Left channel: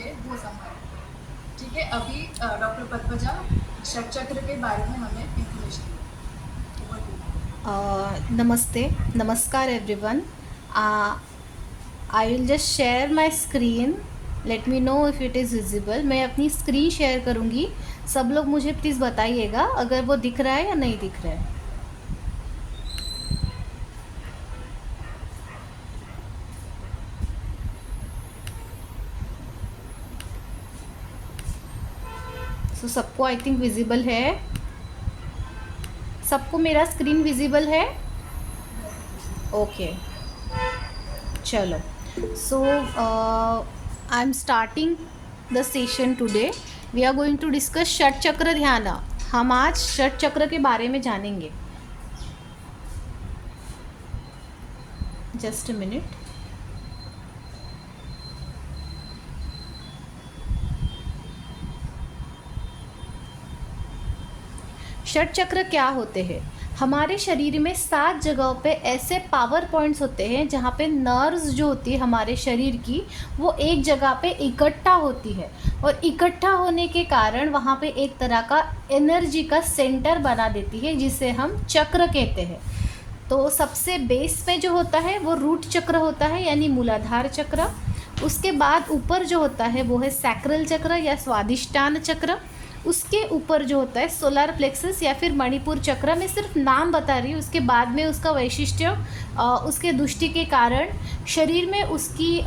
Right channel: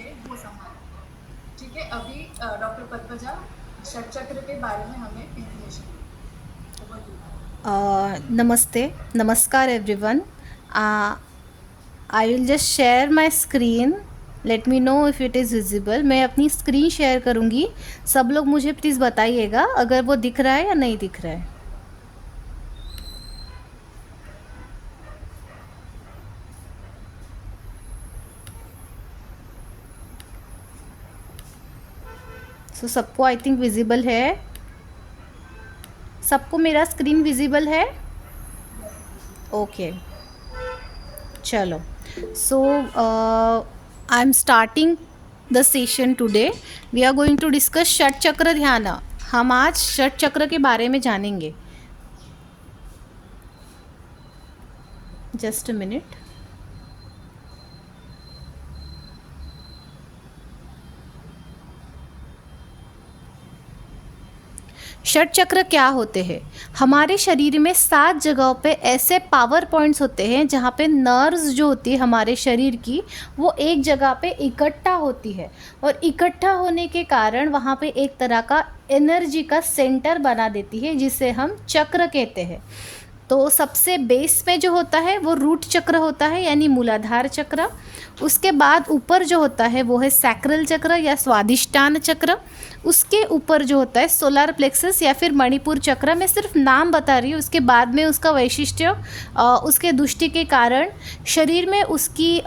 है वो संभालेंगे। ठीक है, अभी डॉक्टर पद्मजा षट चक्र के बारे में हमें इंफॉर्मेशन नमस्ते, नमस्कार everyone. I will just share my screen. Let me know if it is visible. मैं अपनी स्क्रीन शेयर करूँगी, सब लोग मुझे प्लीज़ बताइएगा अगर वो दिख रहा है या नहीं दिख रहा है। सबको आई थिंक विजिबल है। सबको मेरा स्क्रीन विजिबल है? ओके, चलो। So I am starting the session today. We are going to discuss shat chakra dhyan. हम आज षट चक्र के बारे में जानेंगे। Just a minute. षट चक्र क्या होते हैं? हमारे शरीर में 7 जगहों पे ऐसे पावर पॉइंट्स होते हैं जहाँ पे नर्व्स जो होती है हमारे शरीर की, वो एक जगह पे इकट्ठा होती है, और इकट्ठा होने के कारण वहाँ पे एक तरह का एनर्जी का सेंटर बना देती है, जिसे हम चक्र कहते हैं। तो सबसे बेस पे जो होता है वो रूट चक्र होता है, यानी मूलाधार चक्र। उसके बाद ऊपर जो होता है वो है सैक्रल चक्र या स्वादिष्टान चक्र। उसके ऊपर जो होता है सोलर प्लेक्सस या फिर मणिपुर चक्र। मैं सिर्फ नाम बता रही हूँ, उसके बाद में उसका वैशिष्ट्य, उसके दृष्टि के कारण, शरीर में उसकी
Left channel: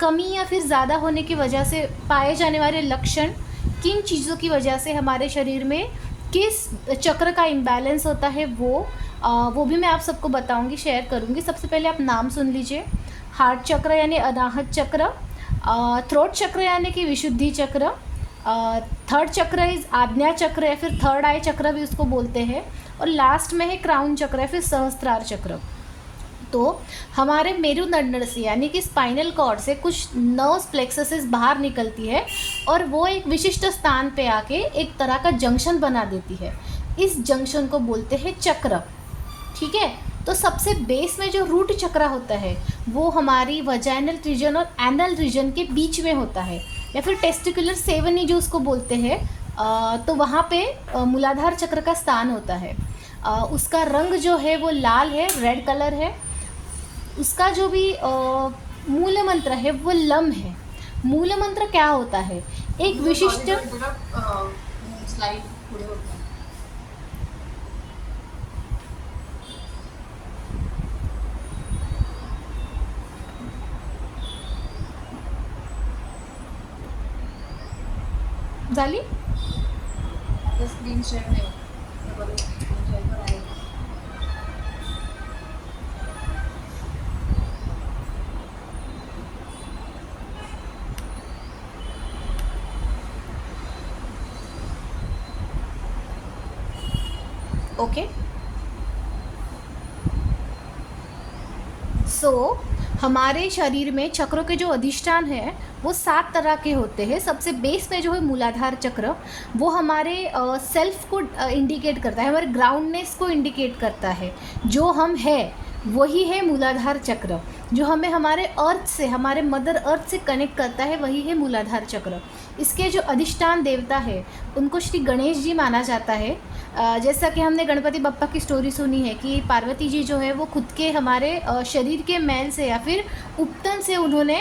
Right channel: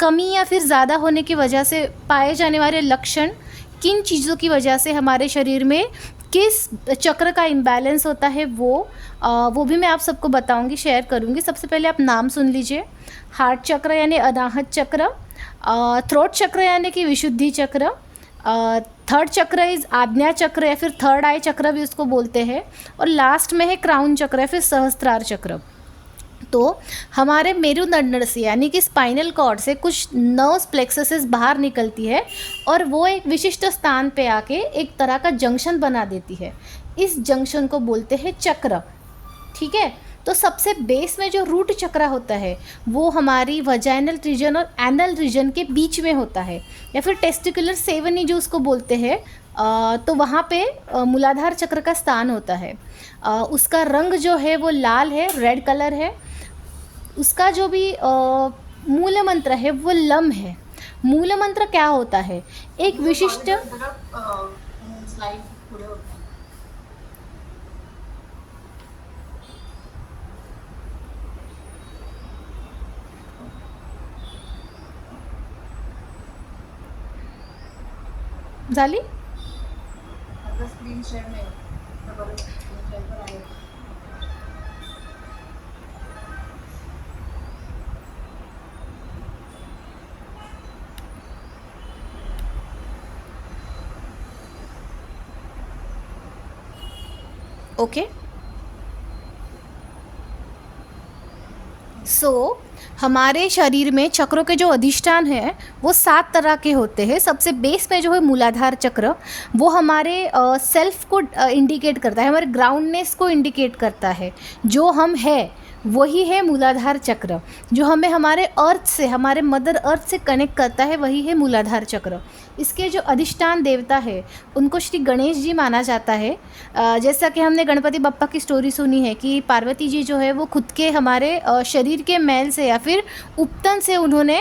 कमी या फिर ज़्यादा होने की वजह से पाए जाने वाले लक्षण, किन चीज़ों की वजह से हमारे शरीर में किस चक्र का इम्बैलेंस होता है, वो भी मैं आप सबको बताऊंगी, शेयर करूंगी। सबसे पहले आप नाम सुन लीजिए। हार्ट चक्र यानी अनाहत चक्र, थ्रोट चक्र यानी कि विशुद्धि चक्र, थर्ड चक्र इज आज्ञा चक्र या फिर थर्ड आई चक्र भी उसको बोलते हैं, और लास्ट में है क्राउन चक्र या फिर सहस्त्रार चक्र। तो हमारे मेरुदंड से यानी कि स्पाइनल कॉर्ड से कुछ नर्व्स प्लेक्ससेस बाहर निकलती है, और वो एक विशिष्ट स्थान पे आके एक तरह का जंक्शन बना देती है। इस जंक्शन को बोलते हैं चक्र। ठीक है, तो सबसे बेस में जो रूट चक्र होता है वो हमारी वजाइनल रीजन और एनल रीजन के बीच में होता है, या फिर टेस्टिकुलर सेवनी जो उसको बोलते हैं। तो वहाँ पे मूलाधार चक्र का स्थान होता है। उसका रंग जो है वो लाल है, रेड कलर है। उसका जो भी मूल मंत्र है वो लम है। मूल मंत्र क्या होता है? एक विशिष्ट स्लाइड पुढे होता है। झाली? आता स्क्रीन शेअर नाही होत. बघा, मोबाईलवर आहे. ओके। सो हमारे शरीर में चक्रों के जो अधिष्ठान है वो 7 तरह के होते हैं। सबसे बेस में जो है मूलाधार चक्र, वो हमारे सेल्फ को इंडिकेट करता है, हमारे ग्राउंडनेस को इंडिकेट करता है। जो हम है वही है मूलाधार चक्र। जो हमें हमारे अर्थ से, हमारे मदर अर्थ से कनेक्ट करता है, वही है मूलाधार चक्र। इसके जो अधिष्ठान देवता है उनको श्री गणेश जी माना जाता है। जैसा कि हमने गणपति बप्पा की स्टोरी सुनी है कि पार्वती जी जो है वो खुद के हमारे शरीर के मैल से या फिर उपतन से उन्होंने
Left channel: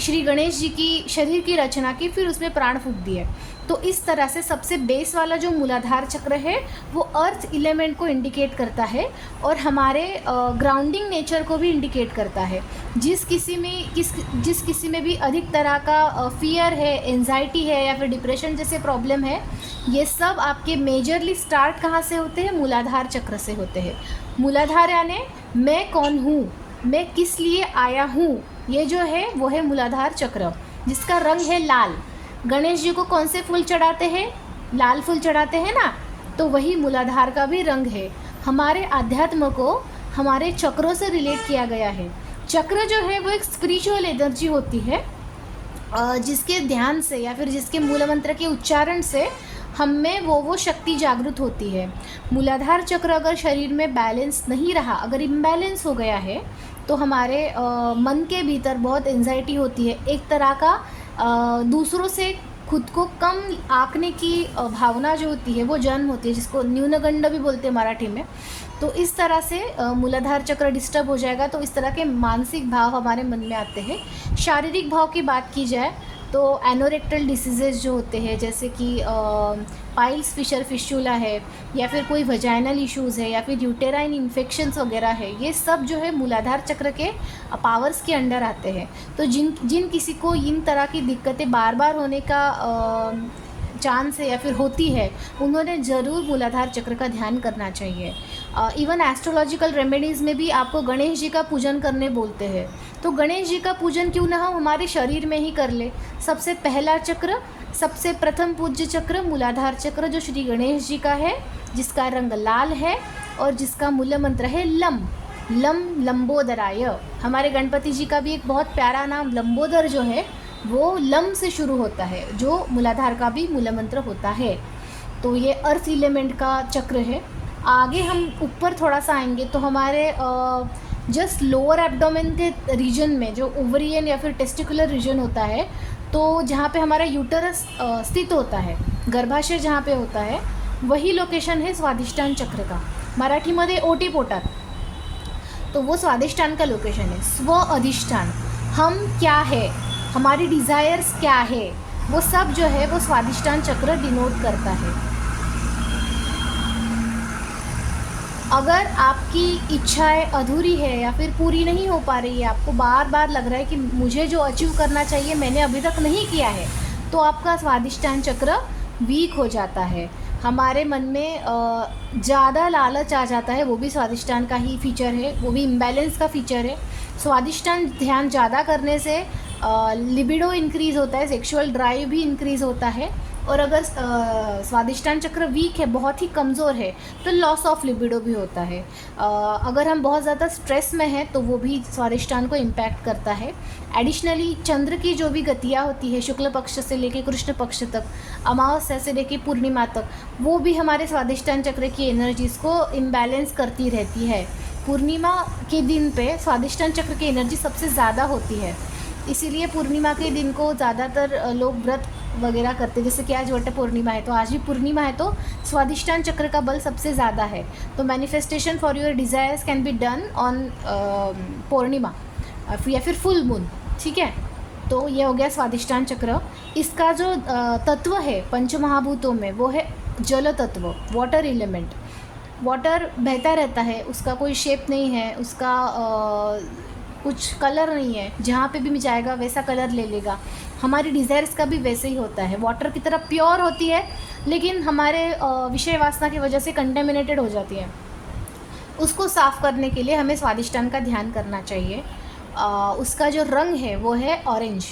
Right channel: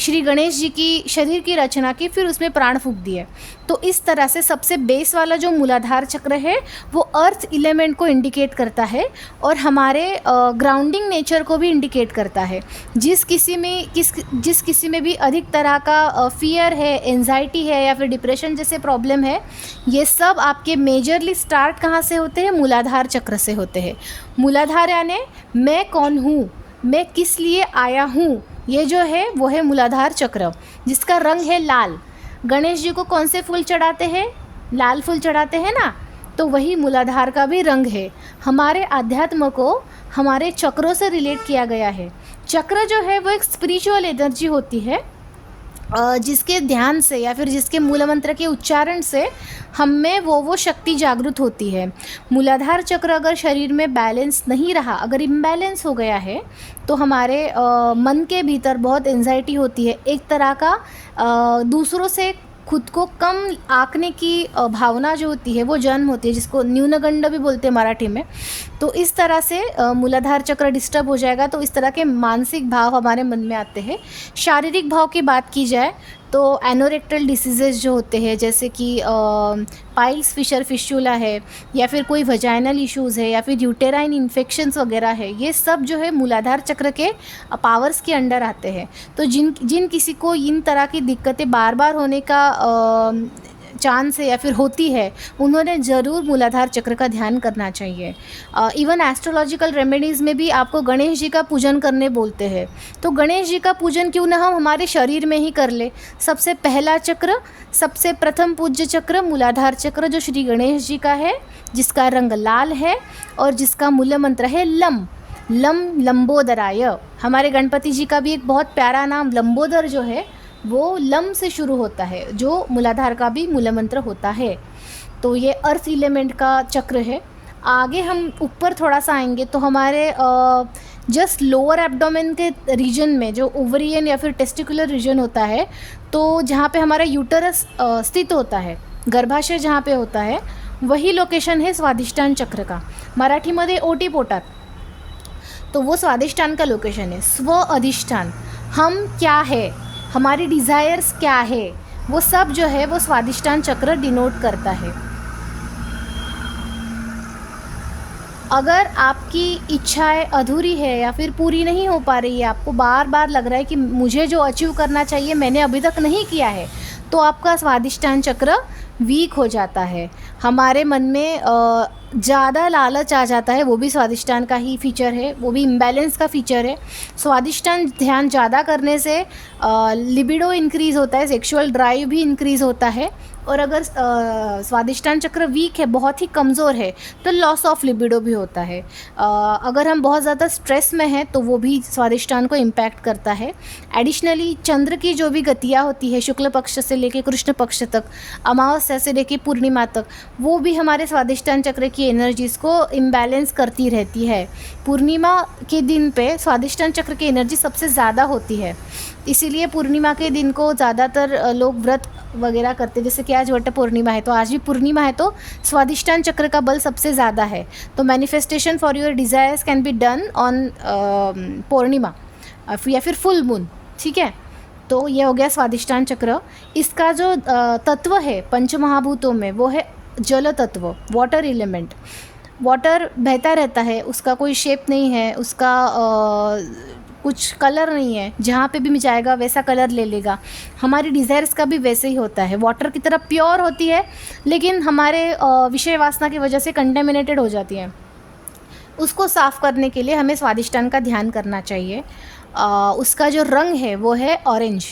श्री गणेश जी की शरीर की रचना की, फिर उसमें प्राण फूंक दिए। तो इस तरह से सबसे बेस वाला जो मूलाधार चक्र है वो अर्थ एलिमेंट को इंडिकेट करता है, और हमारे ग्राउंडिंग नेचर को भी इंडिकेट करता है। जिस किसी में भी अधिक तरह का फियर है, एंजाइटी है या फिर डिप्रेशन जैसे प्रॉब्लम है, ये सब आपके मेजरली स्टार्ट कहाँ से होते हैं? मूलाधार चक्र से होते हैं। मूलाधार यानी मैं कौन हूँ, मैं किस लिए आया हूँ, ये जो है वो है मूलाधार चक्र, जिसका रंग है लाल। गणेश जी को कौन से फूल चढ़ाते हैं? लाल फूल चढ़ाते हैं ना, तो वही मूलाधार का भी रंग है। हमारे अध्यात्म को हमारे चक्रों से रिलेट किया गया है। चक्र जो है वो एक स्पिरिचुअल एनर्जी होती है, जिसके ध्यान से या फिर जिसके मूल मंत्र के उच्चारण से हम में वो शक्ति जागृत होती है। मूलाधार चक्र अगर शरीर में बैलेंस नहीं रहा, अगर इम्बैलेंस हो गया है, तो हमारे मन के भीतर बहुत एंजाइटी होती है, एक तरह का दूसरों से खुद को कम आंकने की भावना जो होती है वो जन्म होती है, जिसको न्यूनगंड भी बोलते हैं मराठी में। तो इस तरह से मूलाधार चक्र डिस्टर्ब हो जाएगा, तो इस तरह के मानसिक भाव हमारे मन में आते हैं। शारीरिक भाव की बात की जाए तो एनोरेक्टल डिसीजेज जो होते हैं, जैसे कि पाइल्स फिशर फिशुला है, या फिर कोई वजाइनल इश्यूज़ है, या फिर यूटेराइन इन्फेक्शंस वगैरह है, ये सब जो है मूलाधार चक्र के पावर्स के अंडर आते हैं। तो जिन किसी को इन तरह की दिक्कतें बार बार होने का चांस है या फिर होती है, उन्होंने ज़रूर मूलाधार चक्र का ध्यान करना चाहिए। इवन एस्ट्रोलॉजिकल रेमेडीज़ में भी आपको गणेश जी का पूजन करने बोलते हैं, तो गणेश जी का पूजन क्यों ना हम हमारे शरीर में ही कर ले। सबसे पहला चक्र, सबसे प्रथम पूज्य चक्र मूलाधार चक्र, जो श्री गणेश जी का है, जिसका रंग लाल है और जिसका मूल मंत्र है लम लंबोदराय। हमारे गणपति जी का भी एक बहुत प्यारा नाम लंबोदर जो है वो लम से शुरू होता है, जो मूलाधार का भी मूल मंत्र होता है। तो ये अर्थ एलिमेंट का चक्र है। आगे हम ऊपर थोड़ा सा आएंगे तो हमारे जस्ट लोअर एब्डोमेन के रीजन में, जो ओवरियन या फिर टेस्टिकुलर रीजन होता है, तो जहाँ पे हमारा यूटरस स्थित होता है, गर्भाशय जहाँ पे होता है, वही लोकेशन है स्वादिष्टान चक्र का। मराठीमध्ये ओटीपोटात, तो वो स्वादिष्टान का लोकेशन है। स्व अधिष्ठान, हम क्या है, हमारी डिज़ायर्स क्या है, वो सब जो है वो स्वादिष्टान चक्र डिनोट करता है। अगर आपकी इच्छाएं अधूरी है या फिर पूरी नहीं हो पा रही है, आपको बार बार लग रहा है कि मुझे जो अचीव करना चाहिए मैंने अभी तक नहीं किया है, तो आपका स्वादिष्टान चक्र वीक हो जाता है। हमारे मन में ज़्यादा लालच आ जाता है, वो भी स्वादिष्टान का ही फीचर है, वो भी इम्बैलेंस का फीचर है। स्वादिष्टान ध्यान ज़्यादा करने से लिबिडो इंक्रीज़ होता है, सेक्सुअल ड्राइव भी इंक्रीज़ होता है। और अगर स्वादिष्टान चक्र वीक है, बहुत ही कमज़ोर है, तो लॉस ऑफ लिबिडो भी होता है। अगर हम बहुत ज़्यादा स्ट्रेस में हैं तो वो भी स्वादिष्टान को इम्पैक्ट करता है। एडिशनली चंद्र की जो भी गतियाँ होती है, शुक्ल पक्ष से लेके कृष्ण पक्ष तक, अमावस्या से लेके पूर्णिमा तक, वो भी हमारे स्वादिष्टान चक्र की एनर्जीज़ को इम्बैलेंस करती रहती है। पूर्णिमा के दिन पे स्वादिष्टान चक्र की एनर्जी सबसे ज़्यादा होती है, इसीलिए पूर्णिमा के दिन को ज़्यादातर लोग व्रत वगैरह करते हैं। जैसे कि आज वट पूर्णिमा है, तो आज भी पूर्णिमा है, तो स्वादिष्टान चक्र का बल सबसे ज़्यादा है। तो manifestation for your desires can be done on Purnima या फिर फुल मून, ठीक है। तो ये हो गया स्वादिष्टान चक्र। इसका जो तत्व है पंचमहाभूतों में, वो है जल तत्व, वाटर एलिमेंट। वाटर बहता रहता है, उसका कोई शेप नहीं है, उसका कुछ कलर नहीं है, जहाँ पे भी जाएगा वैसा कलर ले लेगा। हमारी डिज़ायर्स का भी वैसे ही होता है, वाटर की तरह प्योर होती है, लेकिन हमारे विषय वासना की वजह से कंटेमिनेटेड हो जाती है। उसको साफ़ करने के लिए हमें स्वादिष्टान का ध्यान करना चाहिए। उसका जो रंग है वो है ऑरेंज,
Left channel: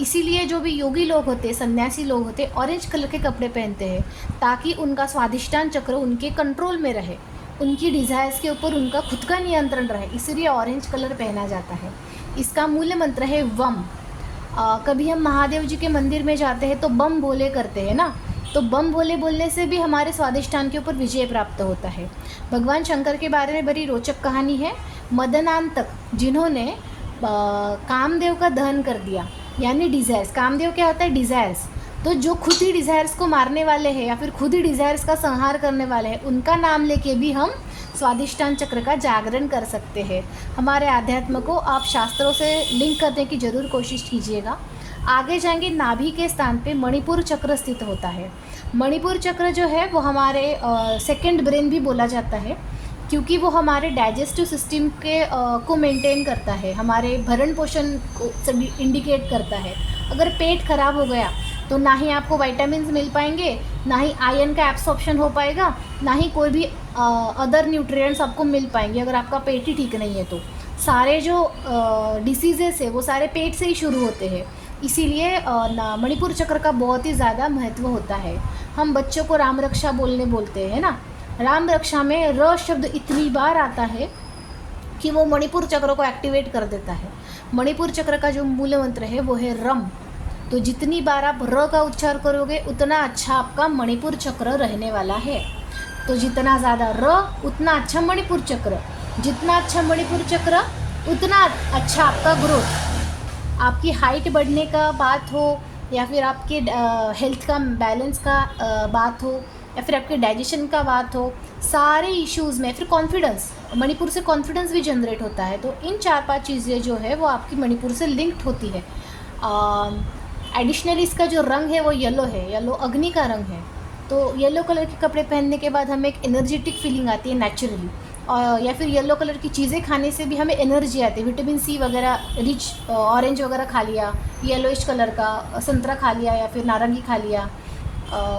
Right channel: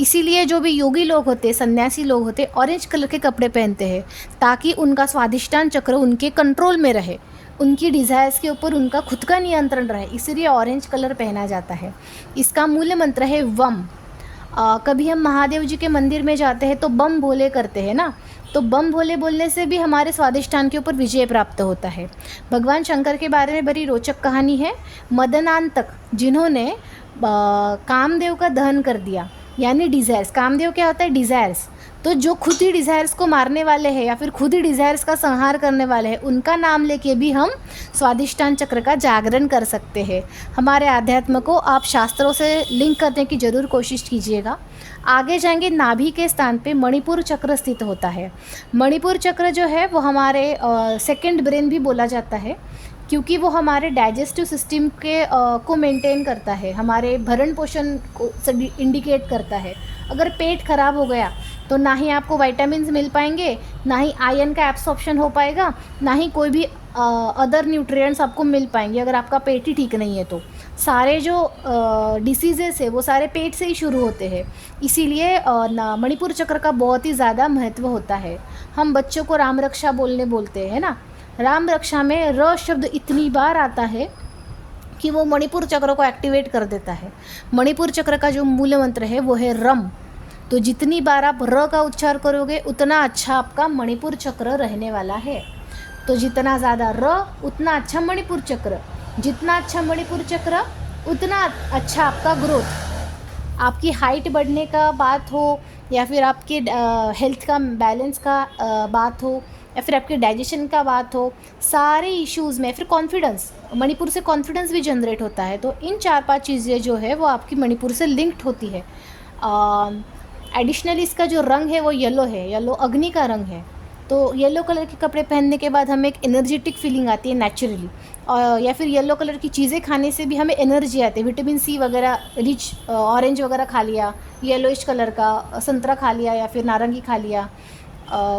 इसीलिए जो भी योगी लोग होते, सन्यासी लोग होते, ऑरेंज कलर के कपड़े पहनते हैं, ताकि उनका स्वादिष्टान चक्र उनके कंट्रोल में रहे, उनकी डिज़ायर्स के ऊपर उनका खुद का नियंत्रण रहे, इसलिए ऑरेंज कलर पहना जाता है। इसका मूल मंत्र है वम। कभी हम महादेव जी के मंदिर में जाते हैं तो बम भोले करते हैं ना, तो बम भोले बोलने से भी हमारे स्वादिष्टान के ऊपर विजय प्राप्त होता है। भगवान शंकर के बारे में बड़ी रोचक कहानी है। मदनांतक, जिन्होंने कामदेव का दहन कर दिया, यानी डिज़ायर्स, कामदेव क्या होता है, डिज़ायर्स, तो जो खुद ही डिज़ायर्स को मारने वाले हैं या फिर खुद ही डिज़ायर्स का संहार करने वाले हैं, उनका नाम लेके भी हम स्वादिष्टान चक्र का जागरण कर सकते हैं। हमारे आध्यात्म को आप शास्त्रों से लिंक करने की ज़रूर कोशिश कीजिएगा। आगे जाएंगे, नाभि के स्थान पे मणिपुर चक्र स्थित होता है। मणिपुर चक्र जो है वो हमारे सेकंड ब्रेन भी बोला जाता है, क्योंकि वो हमारे डाइजेस्टिव सिस्टम के को मेंटेन करता है, हमारे भरण पोषण को इंडिकेट करता है। अगर पेट खराब हो गया तो ना ही आपको विटामिन्स मिल पाएंगे, ना ही आयरन का एब्सॉर्प्शन हो पाएगा, ना ही कोई भी अदर न्यूट्रिएंट्स आपको मिल पाएंगे। अगर आपका पेट ही ठीक नहीं है तो सारे जो डिसीजेस है वो सारे पेट से ही शुरू होते हैं। इसीलिए मणिपुर चक्र का बहुत ही ज़्यादा महत्व होता है। हम बच्चों को राम रक्षा बोलते हैं ना, राम रक्षा में र शब्द इतनी बार आता है कि वो मणिपुर चक्र को एक्टिवेट कर देता है। मणिपुर चक्र का जो मूल मंत्र है वो है रम। तो जितनी बार आप र का उच्चार करोगे उतना अच्छा आपका मणिपुर चक्र रहने वाला है। तो जितना ज़्यादा र उतना अच्छा मणिपुर चक्र, जितना अच्छा मणिपुर चक्र उतना अच्छा आपका ग्रोथ। आपकी हाइट बढ़ने का बात हो या फिर आपके हेल्थ का बैलेंस का बात हो या फिर आपके डाइजेशन का बात हो, सारे इश्यूज़ में, फिर कॉन्फिडेंस, मणिपुर से कॉन्फिडेंस भी जनरेट होता है। तो इन 4-5 चीज़ें जो है वो आपकी मणिपुर से लिंक्ड होती है। एडिशनली इसका जो रंग है वो येलो है, येलो अग्नि का रंग है। तो येलो कलर के कपड़े पहनने के बाद हमें एक एनर्जेटिक फीलिंग आती है नेचुरली, और या फिर येलो कलर की चीज़ें खाने से भी हमें एनर्जी आती है। विटामिन सी वगैरह रिच ऑरेंज वगैरह खा लिया, येलोइश कलर का संतरा खा लिया या फिर नारंगी खा लिया,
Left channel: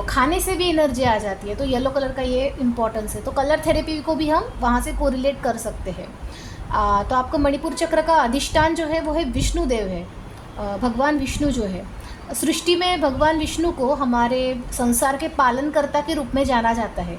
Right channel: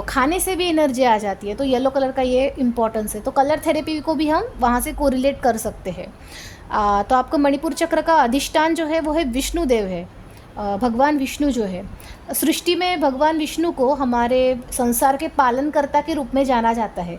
खाने से भी एनर्जी आ जाती है। तो येलो कलर का ये इम्पोर्टेंस है। तो कलर थेरेपी को भी हम वहाँ से कोरिलेट कर सकते हैं। तो आपको मणिपुर चक्र का अधिष्ठान जो है वो है विष्णुदेव है, भगवान विष्णु जो है। सृष्टि में भगवान विष्णु को हमारे संसार के पालनकर्ता के रूप में जाना जाता है।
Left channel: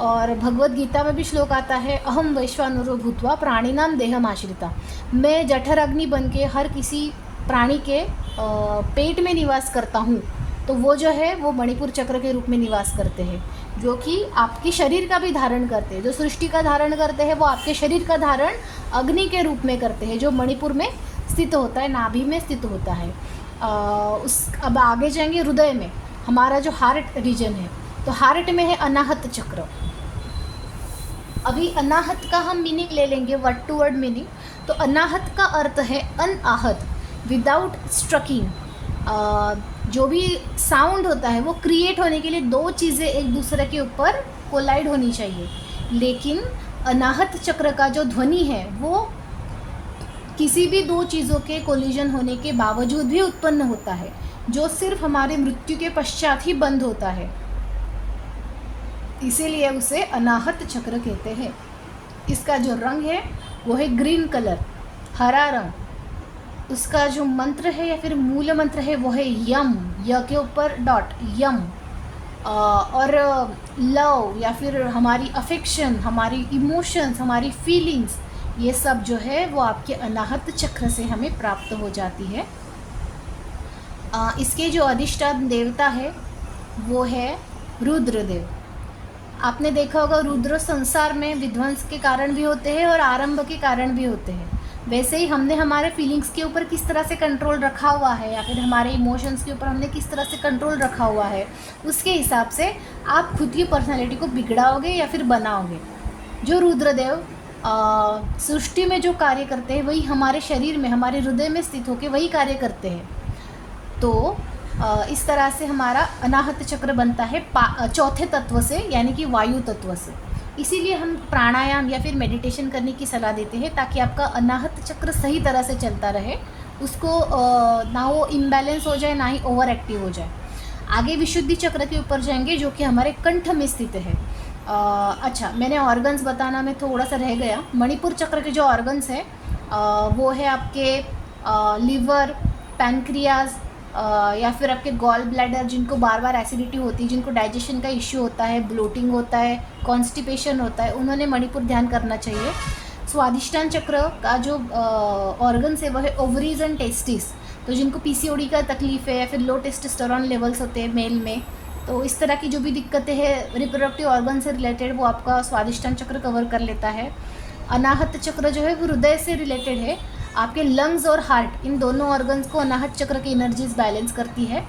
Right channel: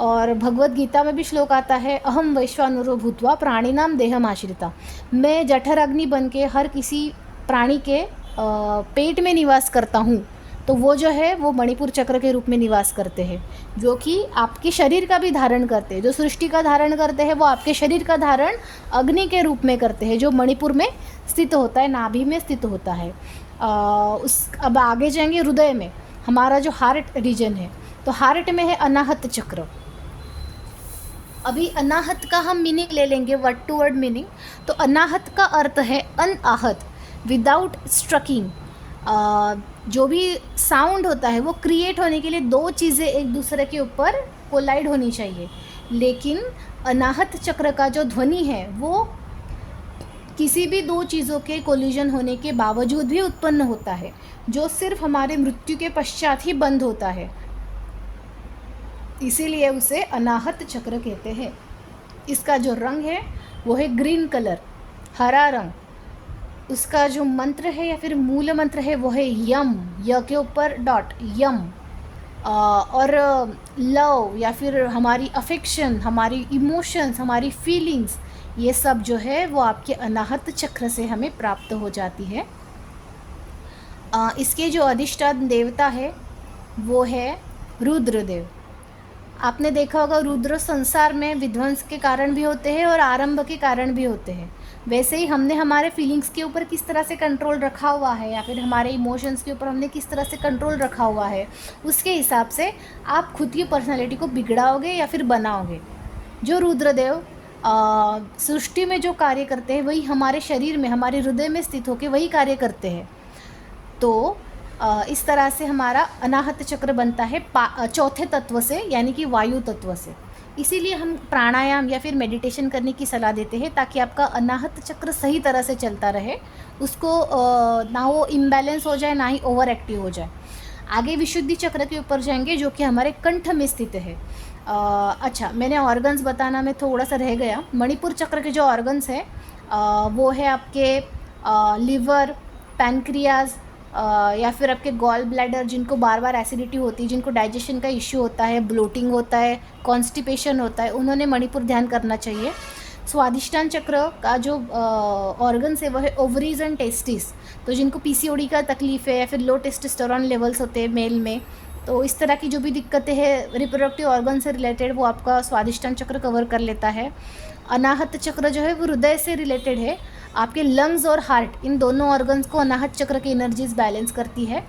और भगवत गीता में भी श्लोक आता है, अहम वैश्वानरो भूत्वा प्राणिनाम देहम आश्रिता। मैं जठर अग्नि बन के हर किसी प्राणी के पेट में निवास करता हूँ। तो वो जो है वो मणिपुर चक्र के रूप में निवास करते हैं, जो कि आपके शरीर का भी धारण करते हैं। जो सृष्टि का धारण करते हैं वो आपके शरीर का धारण अग्नि के रूप में करते हैं, जो मणिपुर में स्थित होता है, नाभि में स्थित होता है। अब आगे जाएंगे हृदय में, हमारा जो हार्ट रीजन है। तो हार्ट में है अनाहत चक्र। अभी अनाहत का हम मीनिंग ले लेंगे, वर्ड टू वर्ड मीनिंग। तो अनाहत का अर्थ है अनआहत, विदाउट स्ट्रकिंग। जो भी साउंड होता है वो क्रिएट होने के लिए दो चीज़ें एक दूसरे के ऊपर कोलाइड होनी चाहिए, लेकिन अनाहत चक्र का जो ध्वनि है वो किसी भी दो चीज़ों के कोलिजन होने के बावजूद भी उत्पन्न होता है, जो सिर्फ हमारे मृत्यु के पश्चात ही बंद होता है। इसीलिए उसे अनाहत चक्र कहते हैं। इसका जो रंग है वो है ग्रीन कलर, हरा रंग। उसका जो मंत्र है या फिर मूल मंत्र है वो है यम, य के ऊपर डॉट, यम। और लव या फिर हमारी अफेक्शन, हमारी इमोशंस, हमारी फीलिंग्स, ये सब जो है वो आपके अनाहत चक्र से हमें प्राप्त हो जाती है। इसके जो अधिष्ठान देवता है वो है रुद्रदेव। आपने देखा होगा रुद्र संसार में विध्वंस के कारण भी होते हैं और आरंभ के कारण भी होते हैं। वैसे ही हमने हमारे फीलिंग्स के ऊपर किस तरह से कंट्रोल रखा हुआ है या फिर हमारे इमोशंस के ऊपर हमने किस तरह से कंट्रोल रखा हुआ है, उसके हिसाब से आप खुद की पर्सनालिटी को बिगड़ाओगे या फिर बनाओगे। जो रुद्रदेव सृष्टि में जो कार्य करते हैं वही हमारे शरीर में, हमारे हृदय में स्थित होकर वही कार्य करते हैं। तो इस तरह से हमारा अनाहत चक्र बनता है चौथे तत्व से, यानी कि वायु तत्व से। इसीलिए हम प्राणायाम या फिर मेडिटेशन करने की सलाह देते हैं, ताकि आपका अनाहत चक्र सही तरह से चलता रहे, उसको ना वो इम्बैलेंस हो जाए ना ही ओवर एक्टिव हो जाए। आगे विशुद्धि चक्र के ऊपर जाएंगे, जो कि हमारे कंठ में स्थित है। अच्छा, मैंने ऑर्गन्स बताना में थोड़ा सा रह गया। मणिपुर चक्र के जो ऑर्गन्स है वो है आपके लिवर, पैनक्रियाज, या फिर आपके गॉल ब्लैडर, जिनको बार बार एसिडिटी होती है, जिनको डाइजेशन का इश्यू होता है, ब्लोटिंग होता है, कॉन्स्टिपेशन होता है, उन्होंने मणिपुर ध्यान करना चाहिए। स्वादिष्टान चक्र का जो ऑर्गन्स है वो है ओवरीज एंड टेस्टिस। तो जिनको पीसीओडी का तकलीफ है या फिर लो टेस्टोस्टेरोन लेवल्स होते हैं मेल में, तो इस तरह की जो भी दिक्कतें हैं रिप्रोडक्टिव ऑर्गन से रिलेटेड, वो आपका स्वादिष्टान चक्र कवर कर लेता है। अनाहत चक्र जो है वो हृदय से रिलेटेड है। आपके लंग्स और हार्ट, इन दोनों ऑर्गन्स को अनाहत चक्र की एनर्जीज बैलेंस करती है।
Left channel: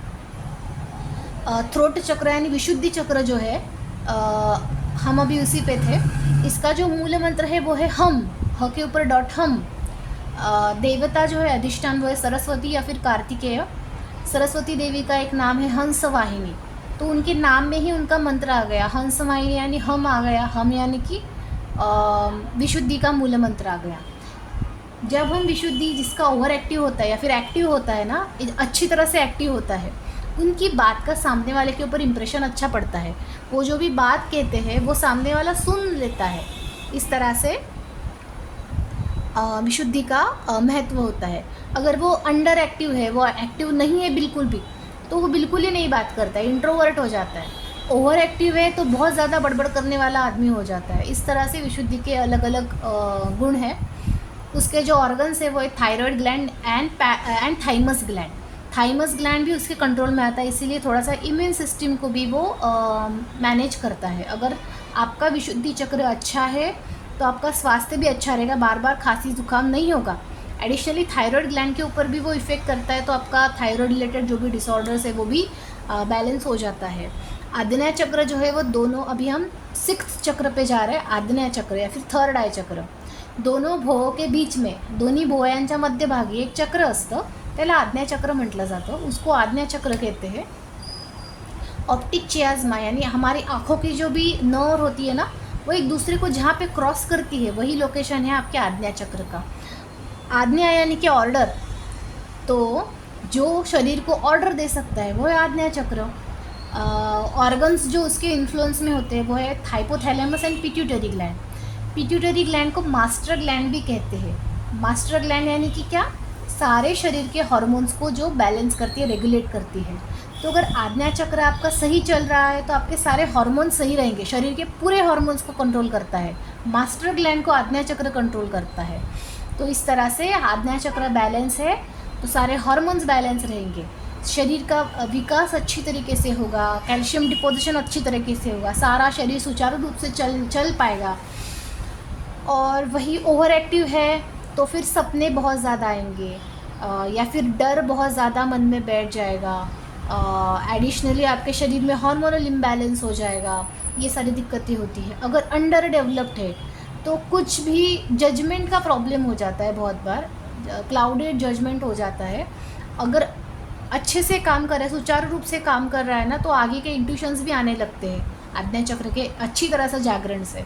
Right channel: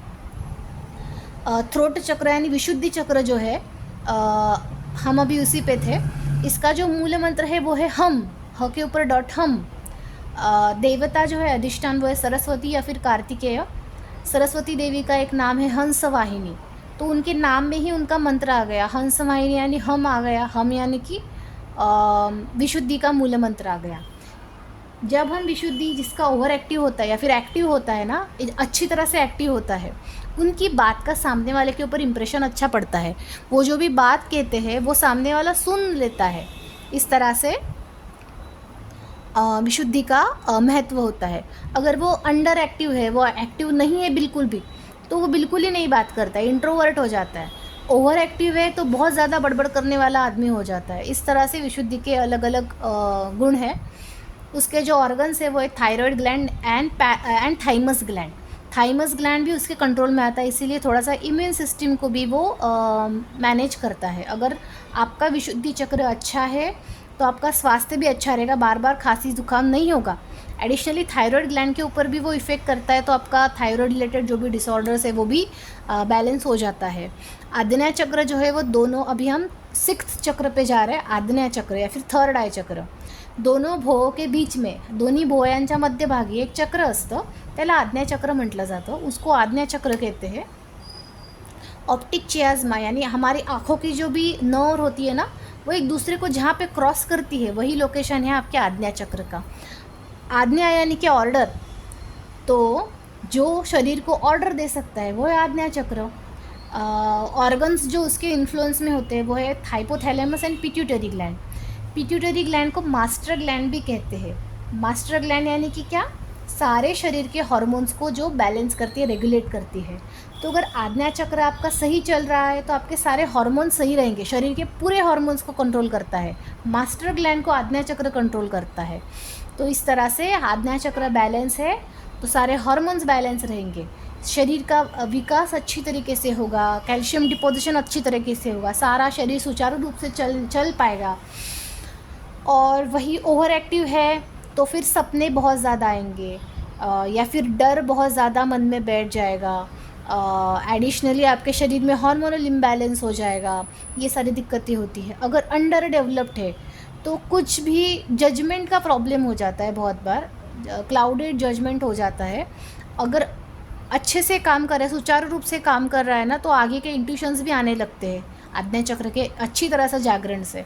थ्रोट चक्र यानी विशुद्धि चक्र जो है, हम अभी उसी पे थे। इसका जो मूल मंत्र है वो है हम, ह के ऊपर डॉट, हम। देवता जो है अधिष्ठान वो है सरस्वती या फिर कार्तिकेय। सरस्वती देवी का एक नाम है हंस वाहिनी, तो उनके नाम में ही उनका मंत्र आ गया, हंस वाहिनी यानी हम आ गया। हम यानी कि विशुद्धि का मूल मंत्र आ गया। जब हम विशुद्धि, जिसका ओवर एक्टिव होता है या फिर एक्टिव होता है ना, अच्छी तरह से एक्टिव होता है, उनकी बात का सामने वाले के ऊपर इम्प्रेशन अच्छा पड़ता है। वो जो भी बात कहते हैं वो सामने वाला सुन लेता है। इस तरह से विशुद्धि का महत्व होता है। अगर वो अंडर एक्टिव है, वो एक्टिव नहीं है बिल्कुल भी, तो वो बिल्कुल ही नहीं बात करता है, इंट्रोवर्ट हो जाता है। ओवर एक्टिव है तो बहुत ज़्यादा बड़बड़ करने वाला आदमी हो जाता है। इस तरह से विशुद्धि के अलग अलग गुण हैं। उसके जो ऑर्गन्स है वो है thyroid gland and thymus gland. Thymus gland भी उसके कंट्रोल में आता है, इसीलिए थोड़ा सा इम्यून सिस्टम को भी वो मैनेज करता है। अगर आपका विशुद्धि चक्र अच्छा है तो आपका स्वास्थ्य भी अच्छा रहेगा, बार बार खांसी जुकाम नहीं होगा। एडिशनली थायराइड ग्लैंड के ऊपर भी वो इफ़ेक्ट करता है, तो आपका थायराइड रिलेटेड जो भी डिसऑर्डर्स है वो भी बैलेंस हो जाता है। आग्नेय चक्र जो है वो दोनों, अभी हम 6th चक्र पे जा रहे हैं, आग्नेय चक्र या फिर थर्ड आय चक्र। दोनों भोव के बीच में, दोन्ही भोवयांच्या मध्यभागी एक चक्र असतं, त्याला आग्नेय चक्र म्हटलं जातं, उसको आग्नेय चक्र कहते हैं। ऑप्टिक चियाज्मा यानी हमारी आँखों की जो भी नर्व होती है ना, वो एक दूसरे को जहाँ पे क्रॉस करती है वही लोकेशन है आपके आग्नेय चक्र का। आग्नेय यानी कि ऑर्डर, तो जो शरीर को ऑर्डर दे सकता है वो है आग्नेय चक्र। ऑर्गन्स जो उसके इन्फ्लुएंस में होते हैं वो है hypothalamus and pituitary gland. Pituitary gland को मास्टर ग्लैंड भी कहते हैं। मास्टर ग्लैंड यानी कि क्या, सारे शरीर के हार्मोन्स को जो बैलेंस करती है, रेगुलेट करती है। तो अगर आग्नेय चक्र आपका सही चल रहा है तो आपके सारे हार्मोन्स सही रहेंगे, शरीर के पूरे हार्मोन्स को कंट्रोल करता है। मास्टर ग्लैंड को आग्नेय चक्र कंट्रोल करता है। तो इस तरह से आग्नेय चक्र बैलेंस है तो सारे हार्मोन्स बैलेंस रहेंगे, शरीर का विकास अच्छी तरीके से होगा, कैल्शियम डिपोजिशन अच्छी तरीके से होगा, सारा शरीर सुचारू रूप से चल पाएगा। और वही ओवर एक्टिव है तो फिर सपने बहुत ज़्यादा आएंगे, या फिर डर बहुत ज़्यादा मन में बैठ जाएगा। एडिशनली आपके शरीर में हार्मोनल इम्बैलेंस हो जाएगा, ये सारी दिक्कतें होती हैं। अगर अंडर डेवलप्ड है तो कुछ भी जजमेंट का प्रॉब्लम हो जाता है, बहुत बार क्लाउडेड जजमेंट हो जाता है। अगर अच्छे से काम कर रहा है, सुचारू रूप से काम कर रहा है ना, तो आगे के इंट्यूशंस भी आने लगते हैं आग्नेय चक्र के अच्छी तरह से जागरण से।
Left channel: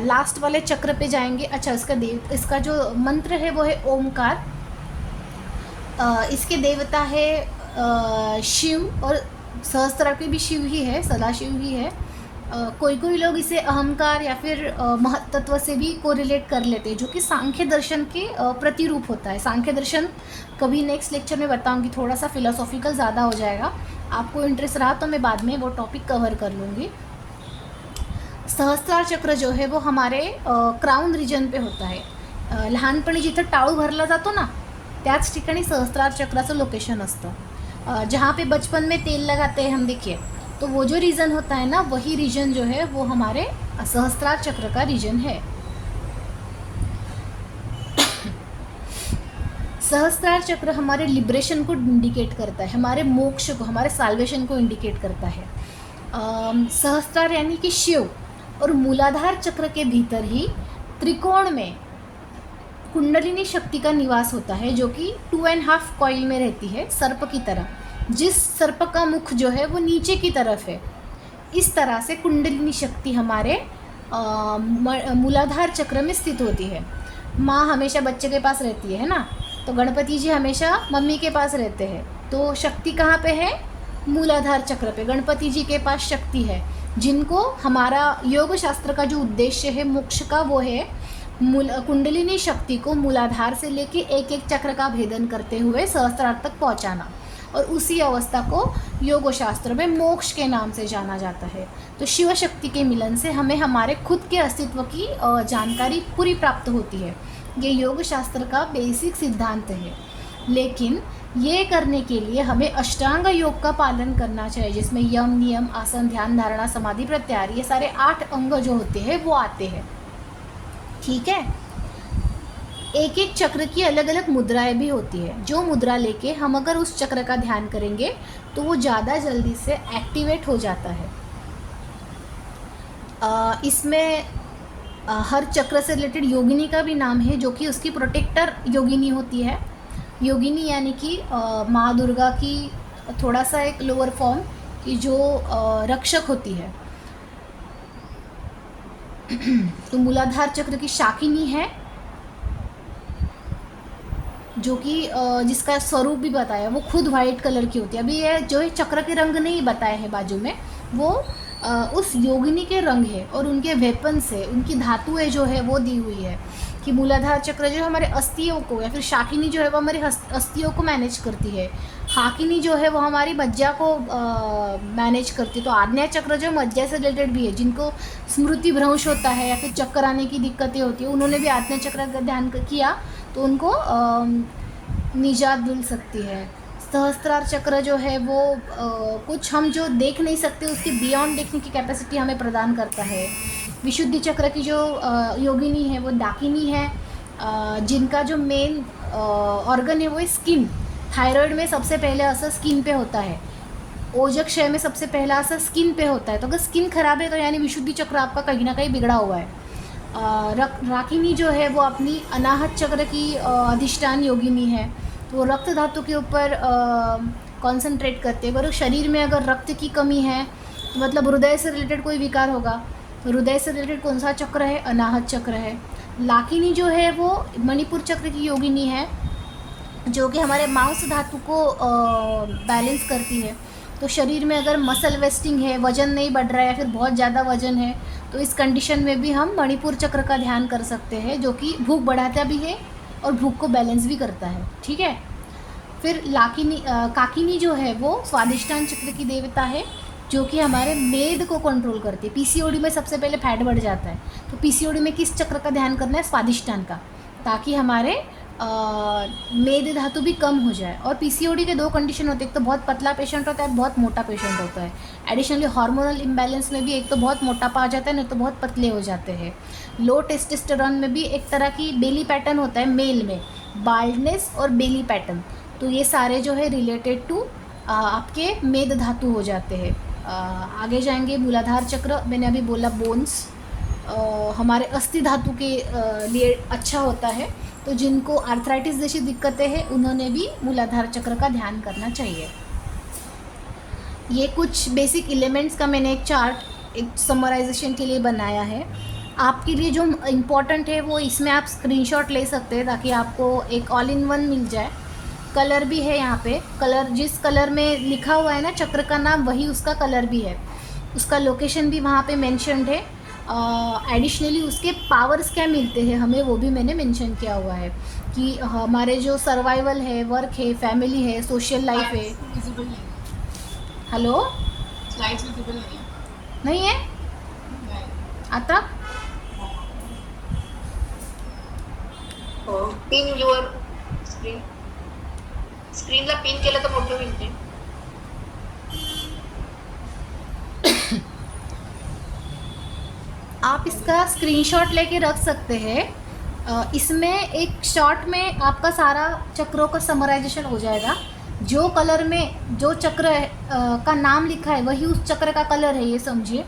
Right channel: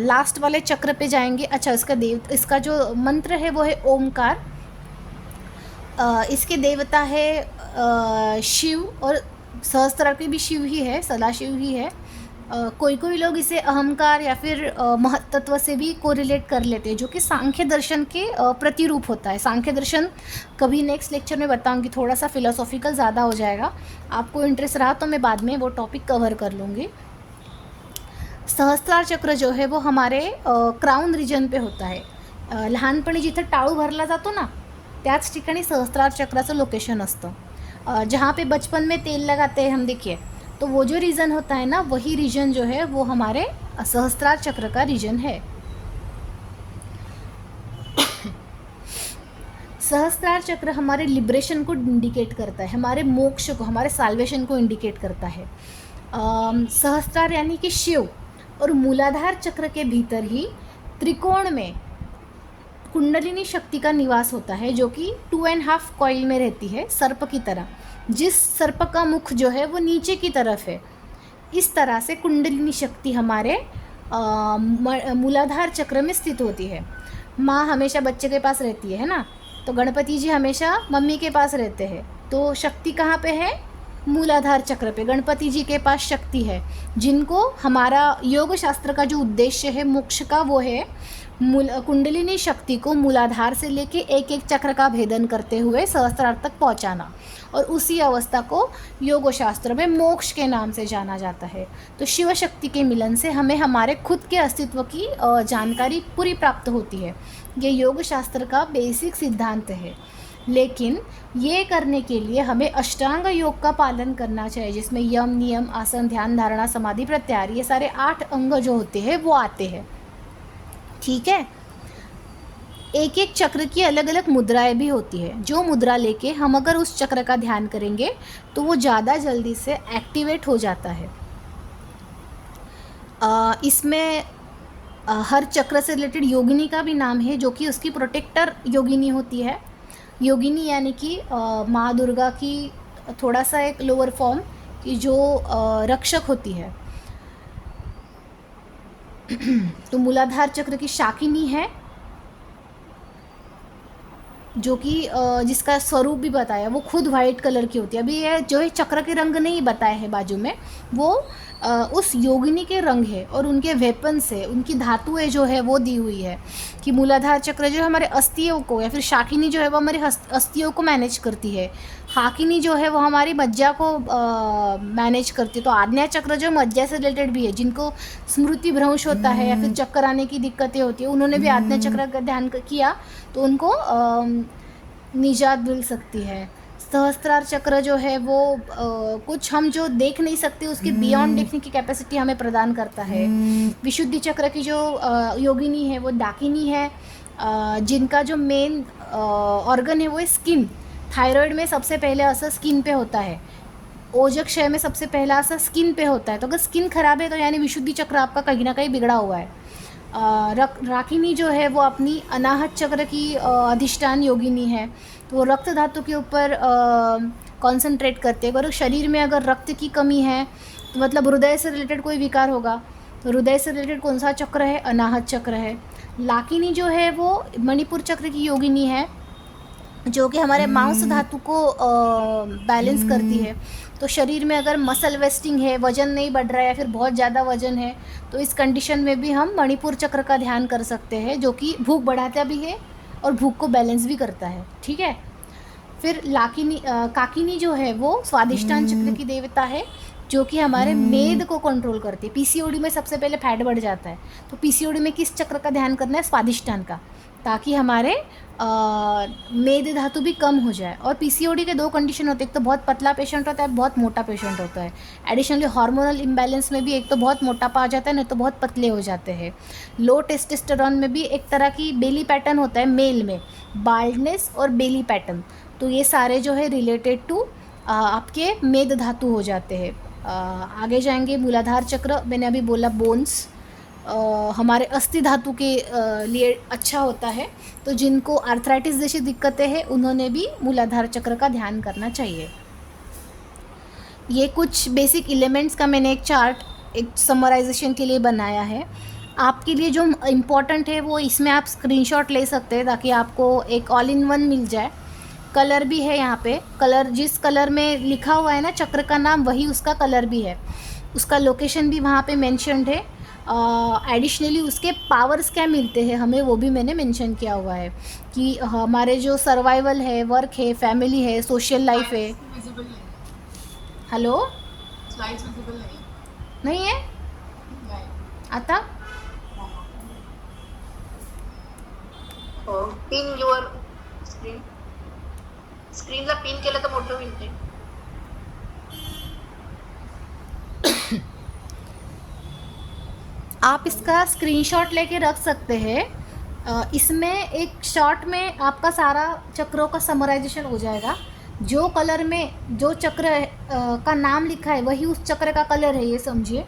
लास्ट वाले चक्र पे जाएंगे। अच्छा, इसका जो मंत्र है वो है ओमकार। इसके देवता है शिव, और सहस्त्र के भी शिव ही है, सदाशिव ही है। कोई कोई लोग इसे अहंकार या फिर महत्त्व से भी कोरिलेट कर लेते हैं, जो कि सांख्य दर्शन के प्रतिरूप होता है। सांख्य दर्शन कभी नेक्स्ट लेक्चर में बताऊंगी, थोड़ा सा फिलोसॉफिकल ज़्यादा हो जाएगा। आपको इंटरेस्ट रहा तो मैं बाद में वो टॉपिक कवर कर लूँगी। सहस्त्रार चक्र जो है वो हमारे क्राउन रिजन पे होता आहे। लहानपणी जिथं टाळू भरला जातो ना, त्याच ठिकाणी सहस्त्रार चक्राचं लोकेशन असतं। जहाँ पे बचपन में तेल लगाते हैं हम, देखिए, तो वो जो रीजन होता है ना, वही रीजन जो है वो हमारे सहस्त्रार चक्र का रीजन है। सहस्त्रार चक्र हमारे लिबरेशन को इंडिकेट करता है, हमारे मोक्ष को, हमारे साल्वेशन को इंडिकेट करता है। सहस्त्रार यानी कि शिव, और मूलाधार चक्र के भीतर ही त्रिकोण में कुंडलिनी शक्ति का निवास होता है, जो कि 2.5 कॉइल में रहती है, सर्प की तरह। जिस सर्प का मुख जो है वो नीचे की तरफ है, इस तरह से कुंडलिनी शक्ति हमारे मूलाधार चक्र में स्थित होती है। माँ हमेशा बच्चे के पास रहती है ना, तो गणपति जी हमेशा मम्मी के पास रहते हैं। तो शक्ति कहाँ पे है? मूलाधार चक्र पे गणपति जी के पास शक्ति है, जिनको हमारा योग शास्त्र का जो उद्देश्य है मोक्ष का, वो है कुंडलिनी शक्ति को मूलाधार से लेके एक एक चक्र का भेदन करते हुए सहस्त्रार तक पहुंचाना, और उसी अवस्था को योग शास्त्र में मोक्ष के नाम से जाना जाता है। तो शिव शक्ति के मिलन से हमें हमारे खुद के अस्तित्व की जानकारी पूरी प्राप्त होती है। ये योग शास्त्र का बेसिक सिद्धांत है, लेकिन ये करने के लिए हमें अष्टांग योग का पालन करना चाहिए, जिसमें यम, नियम, आसन, ध्यान, धारणा, समाधि, प्रत्याहार, ये सारे 8 अंग जो होते हैं वो आते हैं। ठीक है। एक एक चक्र की अलग अलग मुद्राएं भी होती है, जो मुद्रा लेके हम अगर उस चक्र का ध्यान करेंगे तो वो ज़्यादा जल्दी से एक्टिवेट हो जाता है। इसमें हर चक्र से रिलेटेड योगिनी का भी नाम है, जो कि उसकी प्रोटेक्टर योगिनी होती है। योगिनी यानी कि माँ दुर्गा की थोड़ा सा एक लोअर फॉर्म की जो रक्षक होती है। तो मूलाधार चक्र की शाकिनी है, जो कि जिसका स्वरूप भी बताया, वो खुद वाइट कलर की होती है। अभी ये जो चक्र के रंग नहीं बताए हैं बाजू में, वो उस योगिनी के रंग है, और उनके वेपन से, उनकी धातुएं जो है वो दी हुई है कि मूलाधार चक्र जो है हमारे अस्थियों को, या फिर शाकिनी जो है वो हमारे अस्थियों को मैनेज करती है, हाकिनी जो है वो हमारी मज्जा को मैनेज करती है। तो आग्नेय चक्र जो मज्जा से रिलेटेड भी है, जिनको स्मृति भ्रंश होता है या फिर चक्कर आने की दिक्कतें होती है, उन्होंने भी आग्नेय चक्र का ध्यान किया तो उनको निजात मिल सकती है। सहस्त्रार चक्र जो है वो कुछ हम जो देख नहीं सकते उसके बियॉन्ड देखने की कैपेसिटी हमें प्रदान करता है। विशुद्धि चक्र की जो योगिनी है वो डाकिनी है, जिनका जो मेन ऑर्गन है वो स्किन। थायराइड में सबसे पहले असर स्किन पे होता है, ओजक्षय में सबसे पहला असर स्किन पे होता है। तो अगर स्किन खराब है तो यानी विशुद्धि चक्र आपका कहीं ना कहीं बिगड़ा हुआ है। राकिनी जो है वो अपनी अनाहत चक्र की अधिष्ठान योगिनी है, तो वो रक्त धातु के ऊपर कंसंट्रेट करते हैं। पर शरीर में अगर रक्त की कमी है तो मतलब हृदय से रिलेटेड कोई विकार होगा, तो हृदय से रिलेटेड कौन सा चक्र है? अनाहत चक्र है। लाकिनी जो है वो मणिपुर चक्र की योगिनी है, जो कि हमारे मांस धातु को बैलेंस करती है। तो शरीर में अगर मसल वेस्टिंग है, वजन नहीं बढ़ रहा है या फिर बहुत ज़्यादा वजन है, तो इस कंडीशन में भी हम मणिपुर चक्र का ध्यान कर सकते हैं, जो कि भूख बढ़ाता भी है और भूख को बैलेंस भी करता है। ठीक है। फिर काकिनी जो है वो स्वादिष्टान चक्र की देवता है, जो कि हमारे मेद को कंट्रोल करती है। पीसीओडी में सबसे पहले फैट बढ़ जाता है, तो पीसीओडी में किस चक्र का ध्यान करना है? स्वादिष्टान का, ताकि हमारे मेद धातु भी कम हो जाए। और पीसीओडी के दो कंडीशन होते हैं, एक तो बहुत पतला पेशेंट होता है, बहुत मोटा पेशेंट होता है। एडिशनली हार्मोनल इम्बैलेंस में भी एक तो बहुत मोटापा आ जाता है, नहीं तो बहुत पतले हो जाते हैं। लो टेस्टोस्टेरोन में भी एक तरह की बेली पैटर्न होता है मेल में, बाल्डनेस और बेली पैटर्न। तो ये सारे जो है रिलेटेड टू आपके मेद धातु हो जाते हैं। आगे जाएंगे मूलाधार चक्र, मैंने अभी बोला बोन्स हमारे अस्थि धातु के लिए अच्छा होता है, तो जिनको आर्थराइटिस जैसी दिक्कतें हैं उन्होंने भी मूलाधार चक्र का ध्यान करना चाहिए। ये कुछ बेसिक एलिमेंट्स का मैंने एक चार्ट एक समराइजेशन के लिए बनाया है। आपके लिए जो इम्पोर्टेंट है वो इसमें आप स्क्रीनशॉट ले सकते हैं, ताकि आपको एक ऑल इन वन मिल जाए। कलर भी है यहाँ पे, कलर जिस कलर में लिखा हुआ है ना चक्र का नाम, वही उसका कलर भी है, उसका लोकेशन भी वहाँ पे मेंशन्ड है। एडिशनली उसके पावर्स क्या मिलते हैं हमें, वो भी मैंने मेंशन किया हुआ है, कि हमारे जो सर्वाइवल है, वर्क है, फैमिली है, सोशल लाइफ है। विजिबल नहीं है, हेलो, स्लाइड्स विजिबल नहीं है। नहीं है नहीं। आता? पिन युअर स्क्रीन, स्क्रीनला पिन केलं तर मोठं पिन. आप इसका स्क्रीनशॉट लेके रख सकते हैं। इसमें एक शॉट में आपका सारा चक्रों का समराइजेशन हो जाएगा। जो कलर में जो चक्र का नाम लिखा है वही उस चक्र का कलर है, ये समझिए।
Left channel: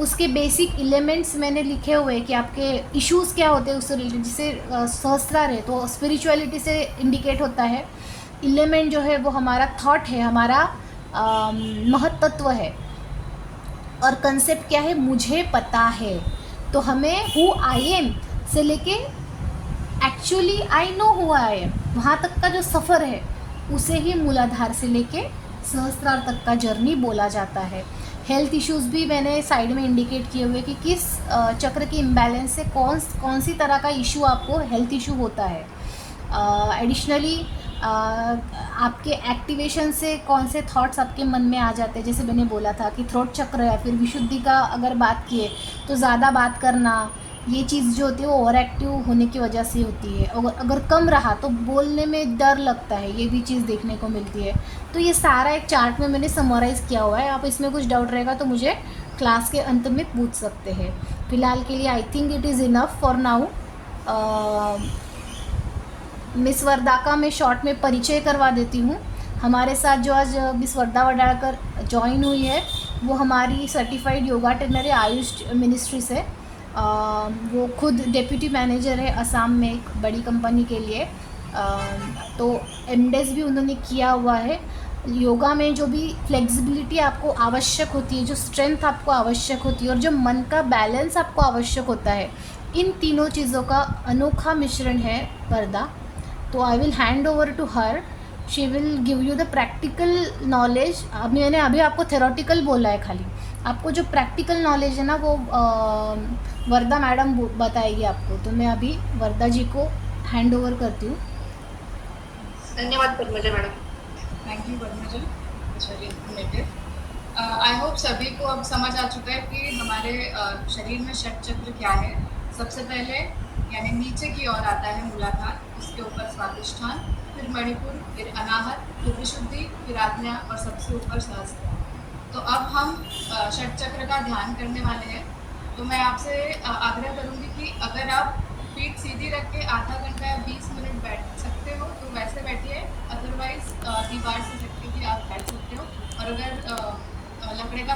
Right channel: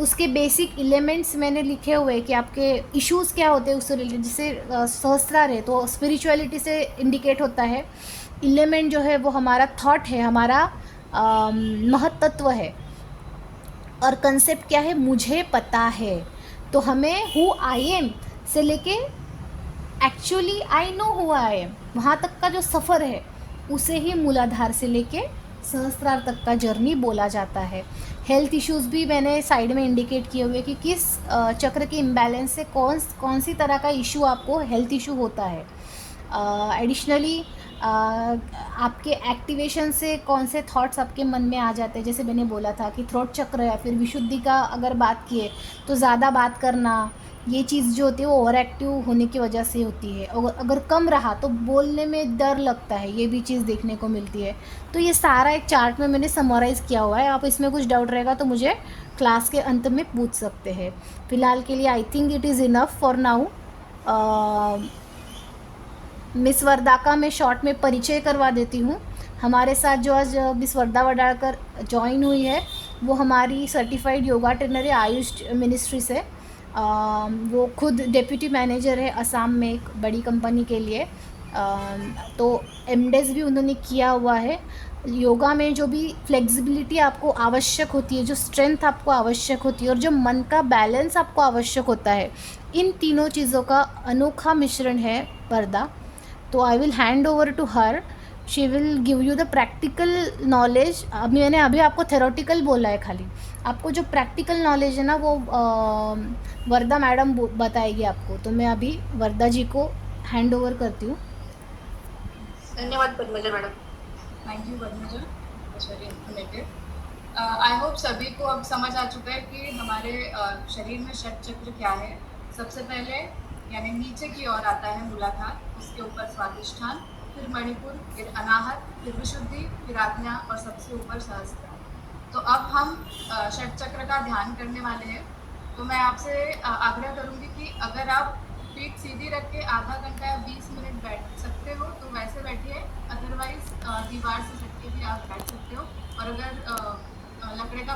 उसके बेसिक एलिमेंट्स मैंने लिखे हुए हैं कि आपके इश्यूज़ क्या होते हैं उससे रिलेटेड। जैसे सहस्त्रार है तो स्पिरिचुअलिटी से इंडिकेट होता है। एलिमेंट जो है वो हमारा थॉट है, हमारा महत्त्व है। और कंसेप्ट क्या है? मुझे पता है। तो हमें हु आई एम से लेके actually I know who I am, वहाँ तक का जो सफ़र है उसे ही मूलाधार से लेके सहस्त्रार तक का जर्नी बोला जाता है। हेल्थ इश्यूज़ भी मैंने साइड में इंडिकेट किए हुए कि किस चक्र के इम्बैलेंस से कौन सी तरह का इशू आपको हेल्थ इशू होता है। एडिशनली आपके एक्टिवेशन से कौन से थॉट्स आपके मन में आ जाते हैं। जैसे मैंने बोला था कि थ्रोट चक्र या फिर विशुद्धि का अगर बात किए तो ज़्यादा बात करना, ये चीज़ जो होती है वो ओवर एक्टिव होने की वजह से होती है। और अगर कम रहा तो बोलने में डर लगता है, ये भी चीज़ देखने को मिलती है। तो ये सारा एक चार्ट में मैंने समराइज़ किया हुआ है। आप इसमें कुछ डाउट रहेगा तो मुझे क्लास के अंत में पूछ सकते हैं। फ़िलहाल के लिए I think it is enough for now. Miss Varda का मैं शॉर्ट में परिचय करवा देती हूँ। हमारे साथ जो आज मिस वर्दा वडालकर ज्वाइन हुई है वो हमारी सर्टिफाइड योगा ट्रेनर है आयुष मिनिस्ट्री से। वो खुद डेप्यूटी मैनेजर है असम में एक बड़ी कंपनी के लिए। तो एमडेस भी उन्होंने किया हुआ है। योगा में जो भी फ्लेक्सिबिलिटी आपको आवश्यक होती है, जो स्ट्रेंथ आपको आवश्यक होती है और जो मन का बैलेंस आपको आवश्यक होता है, इन तीनों चीज़ों का अनोखा मिश्रण है वर्दा। तो I will hand over to her, she will give you the practical knowledge. मैंने अभी आपको थेरोटिकल बोला है, खाली आपको जो प्रैक्टिकल नॉलेज है ना वो वर्दा मैडम बताएगी आपको। तो मैं अभी वर्दा जी को हैंड ओवर करती हूँ। धन्यवाद Padmaja madam. Thank you Padmaja, it's very informative. I hope सभी को अब समझ आ चुका है कि हमारे शरीर में षट चक्र क्या है। सबसे पहले यानी नीचे की ओर आता है मूलाधार, उसके ऊपर स्वादिष्ठान, फिर मणिपुर, फिर अनाहत, फिर विशुद्धि, फिर आज्ञा और सबसे ऊपर सहस्त्र। तो अब हम षट चक्र का ध्यान करने वाले हैं। तो मैं आपसे आग्रह करूंगी कि अगर आप पीठ सीधी रख के आधा घंटा या 20 मिनट बैठ सकते हो तो वैसे बैठिए, अदरवाइज दीवार से सटके भी आप बैठ सकते हो। और अगर लकड़े का